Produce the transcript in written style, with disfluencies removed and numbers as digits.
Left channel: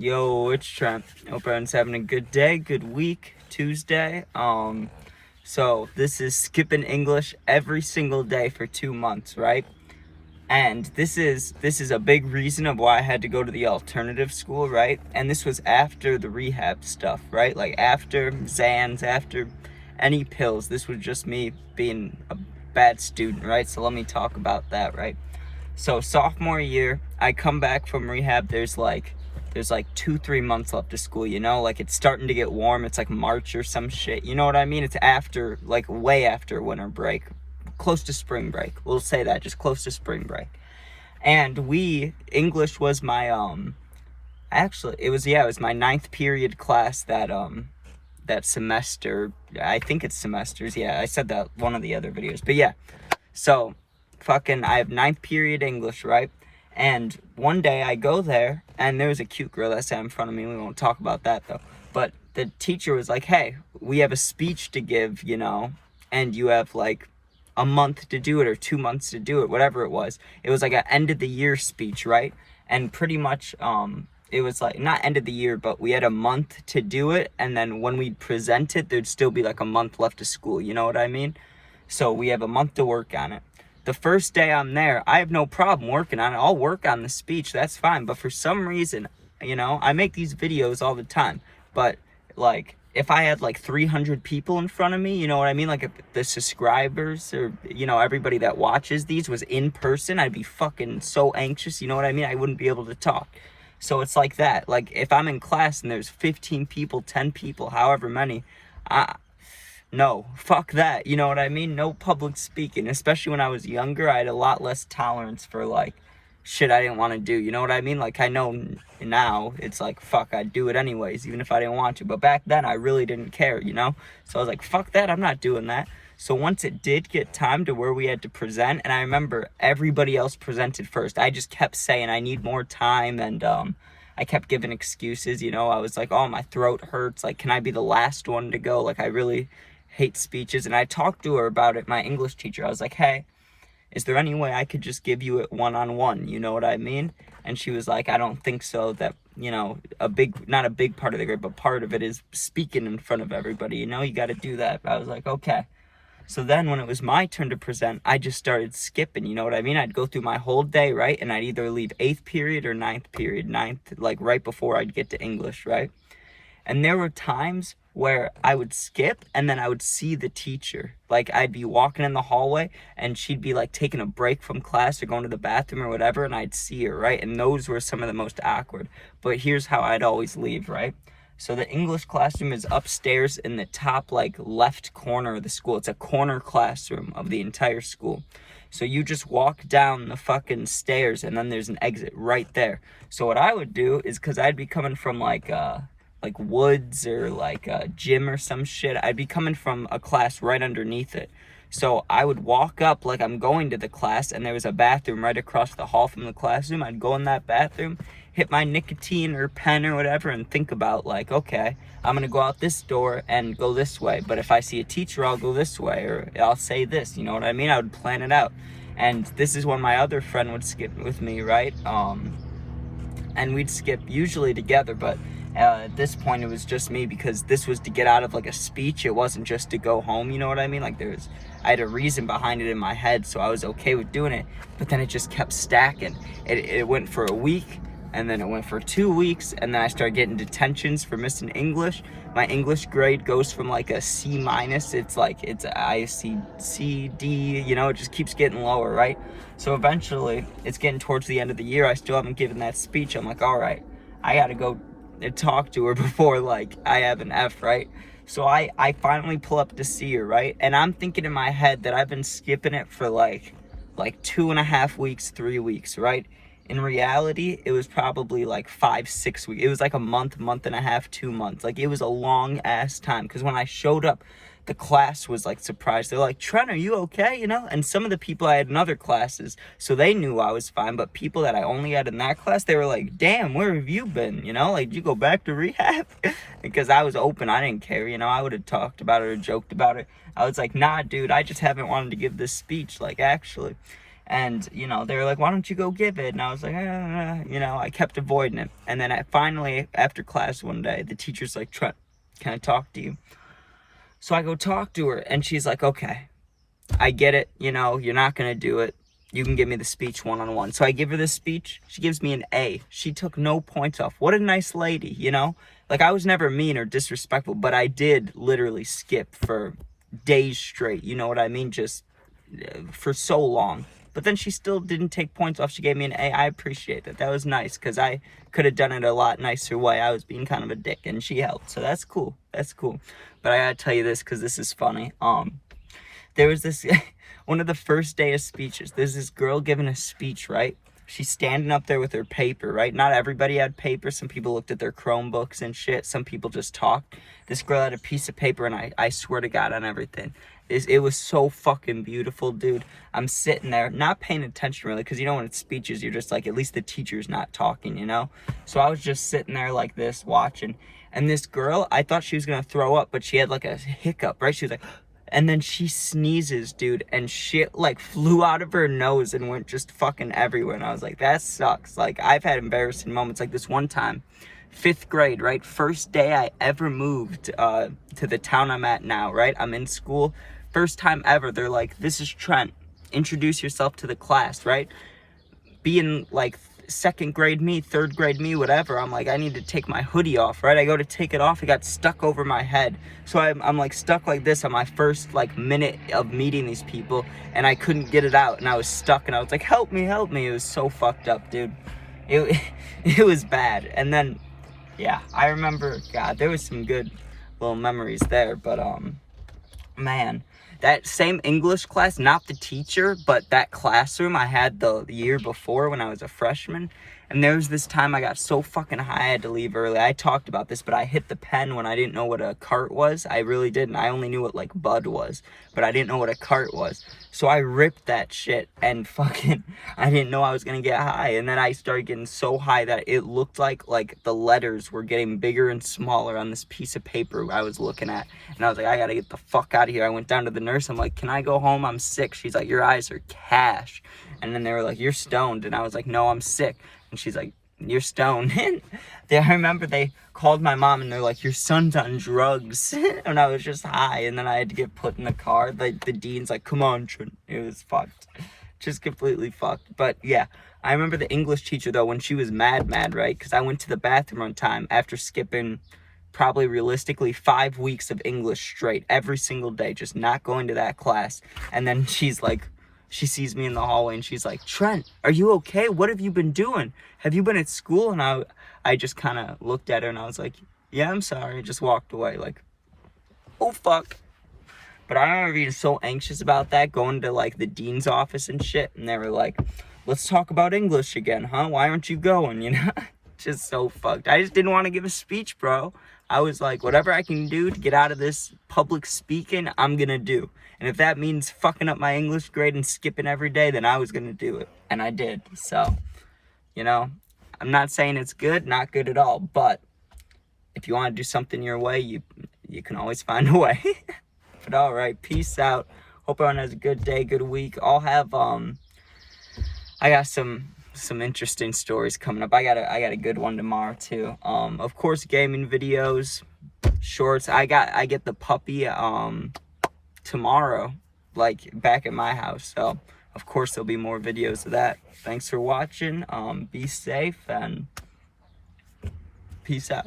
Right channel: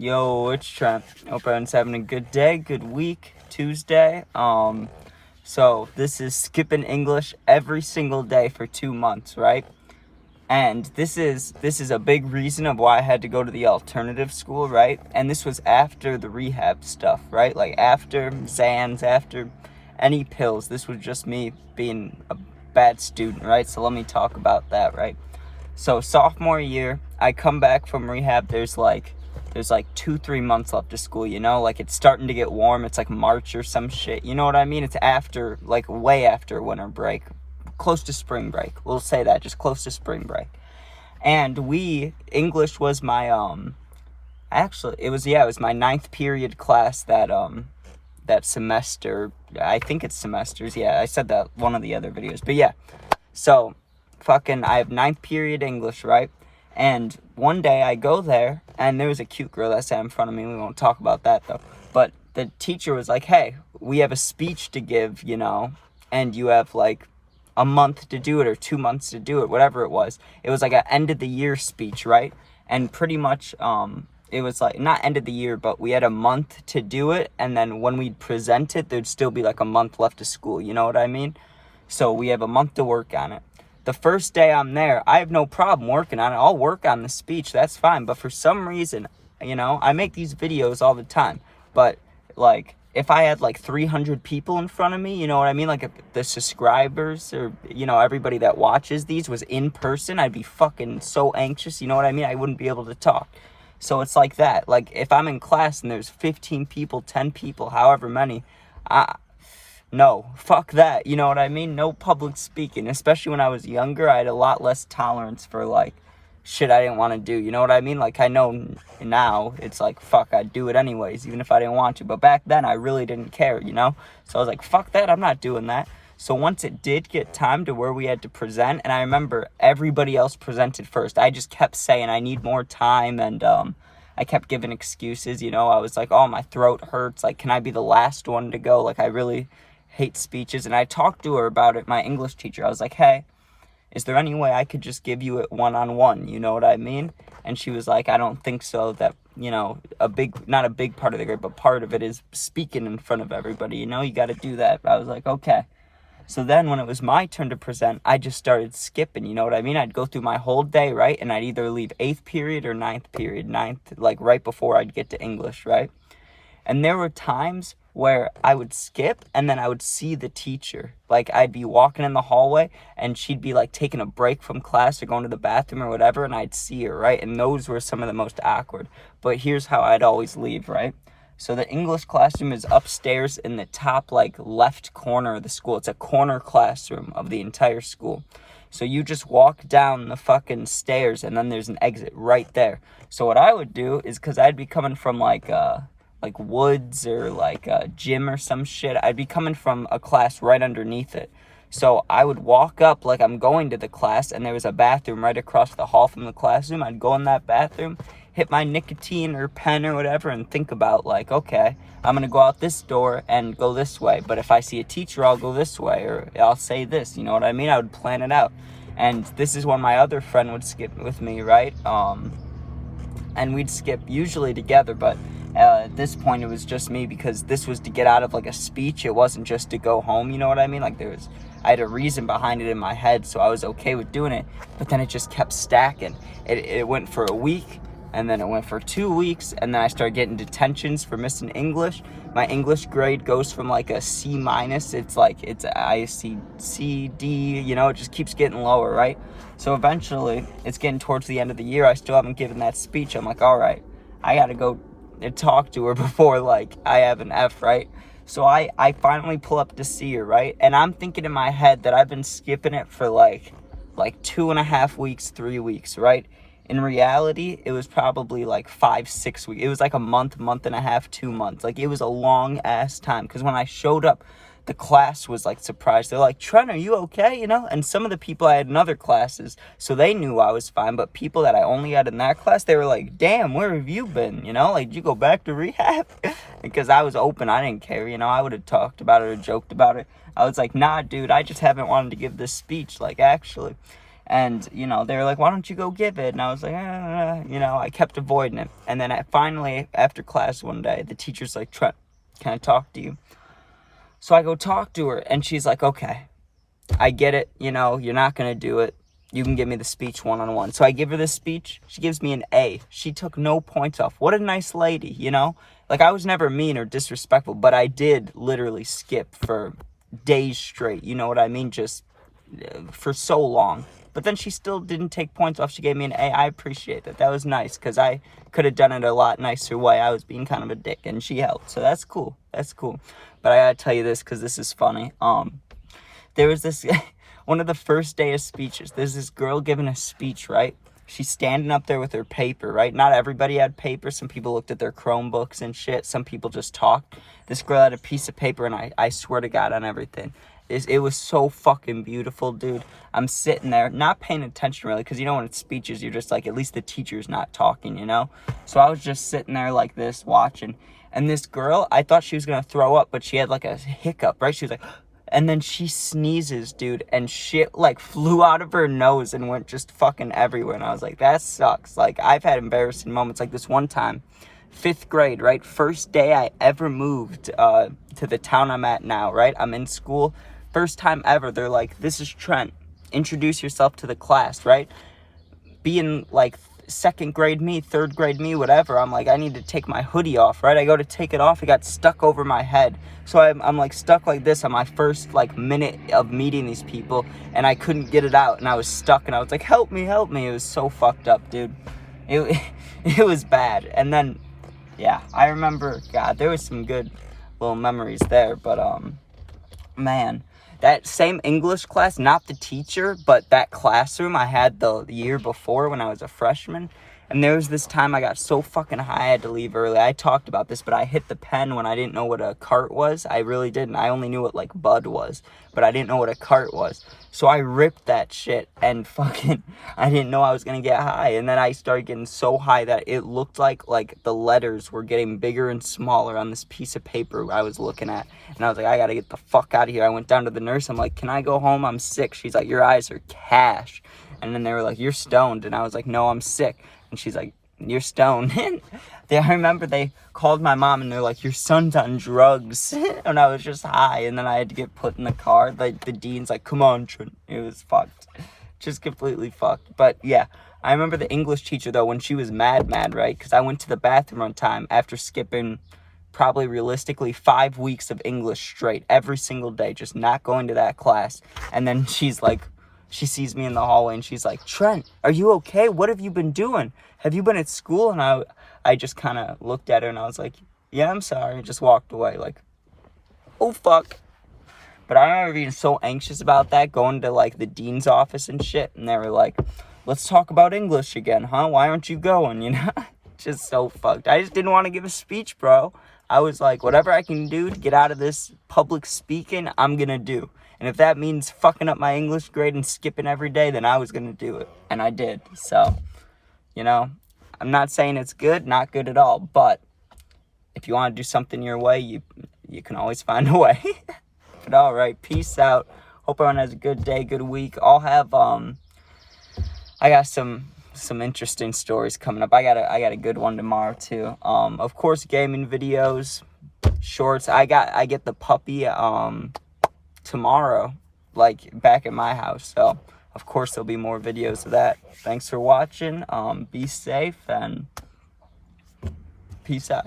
Yo, it's Trent. Hope everyone's having a good day, good week, Tuesday. So this is skipping English every single day for 2 months, right? And this is a big reason of why I had to go to the alternative school, right? And this was after the rehab stuff, right? Like after Xans, after any pills. This was just me being a bad student, right? So let me talk about that, right? So sophomore year, I come back from rehab. There's like 2-3 months left of school, like it's starting to get warm. It's like March or some shit, you know what I mean? It's after, like way after winter break, close to spring break. We'll say that, just close to spring break. And English was my it was my 9th period class that semester. I think it's semesters. Yeah, I said that one of the other videos, but yeah. So I have 9th period English, right? And one day I go there, and there was a cute girl that sat in front of me. We won't talk about that, though. But the teacher was like, hey, we have a speech to give, and you have, like, a month to do it or 2 months to do it, whatever it was. It was like an end-of-the-year speech, right? And pretty much, it was, like, not end of the year, but we had a month to do it, and then when we'd present it, there'd still be, like, a month left of school, you know what I mean? So we have a month to work on it. The first day I'm there, I have no problem working on it. I'll work on the speech. That's fine. But for some reason, I make these videos all the time. But, like, if I had, like, 300 people in front of me, you know what I mean? Like, if the subscribers or, everybody that watches these was in person, I'd be fucking so anxious. You know what I mean? I wouldn't be able to talk. So it's like that. Like, if I'm in class and there's 15 people, 10 people, however many, no, fuck that, you know what I mean? No public speaking, especially when I was younger. I had a lot less tolerance for, like, shit I didn't want to do, you know what I mean? Like, I know now, it's like, fuck, I'd do it anyways, even if I didn't want to, but back then, I really didn't care, So I was like, fuck that, I'm not doing that. So once it did get time to where we had to present, and I remember everybody else presented first, I just kept saying, I need more time, and, I kept giving excuses, I was like, oh, my throat hurts, like, can I be the last one to go? Like, I really hate speeches. And I talked to her about it, my English teacher. I was like, hey, is there any way I could just give you it one-on-one? You know what I mean? And she was like, I don't think so. That, not a big part of the grade, but part of it is speaking in front of everybody. You got to do that. I was like, okay. So then when it was my turn to present, I just started skipping, you know what I mean? I'd go through my whole day, right? And I'd either leave 8th period or 9th period, like right before I'd get to English, right? And there were times where I would skip and then I would see the teacher. Like, I'd be walking in the hallway and she'd be, like, taking a break from class or going to the bathroom or whatever, and I'd see her, right? And those were some of the most awkward. But here's how I'd always leave, right? So the English classroom is upstairs in the top, like, left corner of the school. It's a corner classroom of the entire school. So you just walk down the fucking stairs and then there's an exit right there. So what I would do is, because I'd be coming from, like woods or like a gym or some shit, I'd be coming from a class right underneath it. So I would walk up like I'm going to the class, and there was a bathroom right across the hall from the classroom. I'd go in that bathroom, hit my nicotine or pen or whatever, and think about, like, okay, I'm going to go out this door and go this way. But if I see a teacher, I'll go this way, or I'll say this, you know what I mean? I would plan it out. And this is when my other friend would skip with me, right? And we'd skip usually together, but at this point it was just me, because this was to get out of, like, a speech. It wasn't just to go home, you know what I mean? Like, I had a reason behind it in my head, so I was okay with doing it. But then it just kept stacking. It went for a week, and then it went for 2 weeks, and then I started getting detentions for missing English. My English grade goes from, like, a C-, it's C, D, it just keeps getting lower, right? So eventually, it's getting towards the end of the year. I still haven't given that speech. I'm like, all right, I gotta go and talk to her before, like, I have an F, right? So I finally pull up to see her, right? And I'm thinking in my head that I've been skipping it for like 2.5 weeks, 3 weeks, right? In reality, it was probably like 5-6 weeks. It was like a month and a half, 2 months. Like, it was a long ass time, because when I showed up, the class was, like, surprised. They're like, Trent, are you okay? And some of the people I had in other classes, so they knew I was fine. But people that I only had in that class, they were like, damn, where have you been? Like, did you go back to rehab? Because I was open. I didn't care. I would have talked about it or joked about it. I was like, nah, dude, I just haven't wanted to give this speech, like, actually. And, you know, they were like, why don't you go give it? And I was like, you know, I kept avoiding it. And then finally, after class one day, the teacher's like, Trent, can I talk to you? So I go talk to her, and she's like, okay, I get it. You know, you're not going to do it. You can give me the speech one-on-one. So I give her the speech. She gives me an A. She took no points off. What a nice lady, you know? Like, I was never mean or disrespectful, but I did literally skip for days straight. You know what I mean? Just for so long. But then she still didn't take points off. She gave me an A. I appreciate that. That was nice, because I could have done it a lot nicer way. I was being kind of a dick, and she helped. So that's cool. That's cool. But I gotta tell you this, because this is funny. There was this, one of the first day of speeches, there's this girl giving a speech, right? She's standing up there with her paper, right? Not everybody had paper. Some people looked at their Chromebooks and shit. Some people just talked. This girl had a piece of paper, and I swear to God on everything. It was so fucking beautiful, dude. I'm sitting there, not paying attention really, because you know when it's speeches, you're just like, at least the teacher's not talking, you know? So I was just sitting there like this, watching. And this girl, I thought she was going to throw up, but she had like a hiccup, right? She was like, and then she sneezes, dude, and shit like flew out of her nose and went just fucking everywhere. And I was like, that sucks. Like, I've had embarrassing moments like this one time. 5th grade, right? First day I ever moved to the town I'm at now, right? I'm in school. First time ever, they're like, this is Trent. Introduce yourself to the class, right? Being like 2nd grade me, 3rd grade me, whatever, I'm like, I need to take my hoodie off, right? I go to take it off, it got stuck over my head. So I'm like stuck like this on my first like minute of meeting these people, and I couldn't get it out, and I was stuck, and I was like, help me, help me. It was so fucked up, dude. It was bad. And then, yeah, I remember, God, there was some good little memories there, but man, that same English class, not the teacher, but that classroom I had the year before when I was a freshman. And there was this time I got so fucking high I had to leave early. I talked about this, but I hit the pen when I didn't know what a cart was. I really didn't. I only knew what like Bud was, but I didn't know what a cart was. So I ripped that shit, and fucking, I didn't know I was gonna get high. And then I started getting so high that it looked like the letters were getting bigger and smaller on this piece of paper I was looking at. And I was like, I gotta get the fuck out of here. I went down to the nurse. I'm like, can I go home? I'm sick. She's like, your eyes are cash. And then they were like, you're stoned. And I was like, no, I'm sick. And she's like, you're stoned. And I remember they called my mom, and they're like, your son's on drugs. And I was just high, and then I had to get put in the car. Like, the dean's like, come on, Trent. It was fucked. Just completely fucked. But yeah, I remember the English teacher, though, when she was mad, right? Because I went to the bathroom one time after skipping probably realistically 5 weeks of English straight, every single day, just not going to that class. And then she's like, she sees me in the hallway, and she's like, Trent, are you okay? What have you been doing? Have you been at school? And I just kind of looked at her, and I was like, yeah, I'm sorry. Just walked away like, oh, fuck. But I remember being so anxious about that, going to like the dean's office and shit. And they were like, let's talk about English again, huh? Why aren't you going? You know, just so fucked. I just didn't want to give a speech, bro. I was like, whatever I can do to get out of this public speaking, I'm going to do. And if that means fucking up my English grade and skipping every day, then I was going to do it. And I did. So, you know, I'm not saying it's good, not good at all. But if you want to do something your way, you can always find a way. But all right, peace out. Hope everyone has a good day, good week. I'll have, I got some interesting stories coming up. I got a good one tomorrow too. Of course, gaming videos, shorts. I get the puppy tomorrow, like back at my house. So of course there'll be more videos of that. Thanks for watching. Be safe and peace out.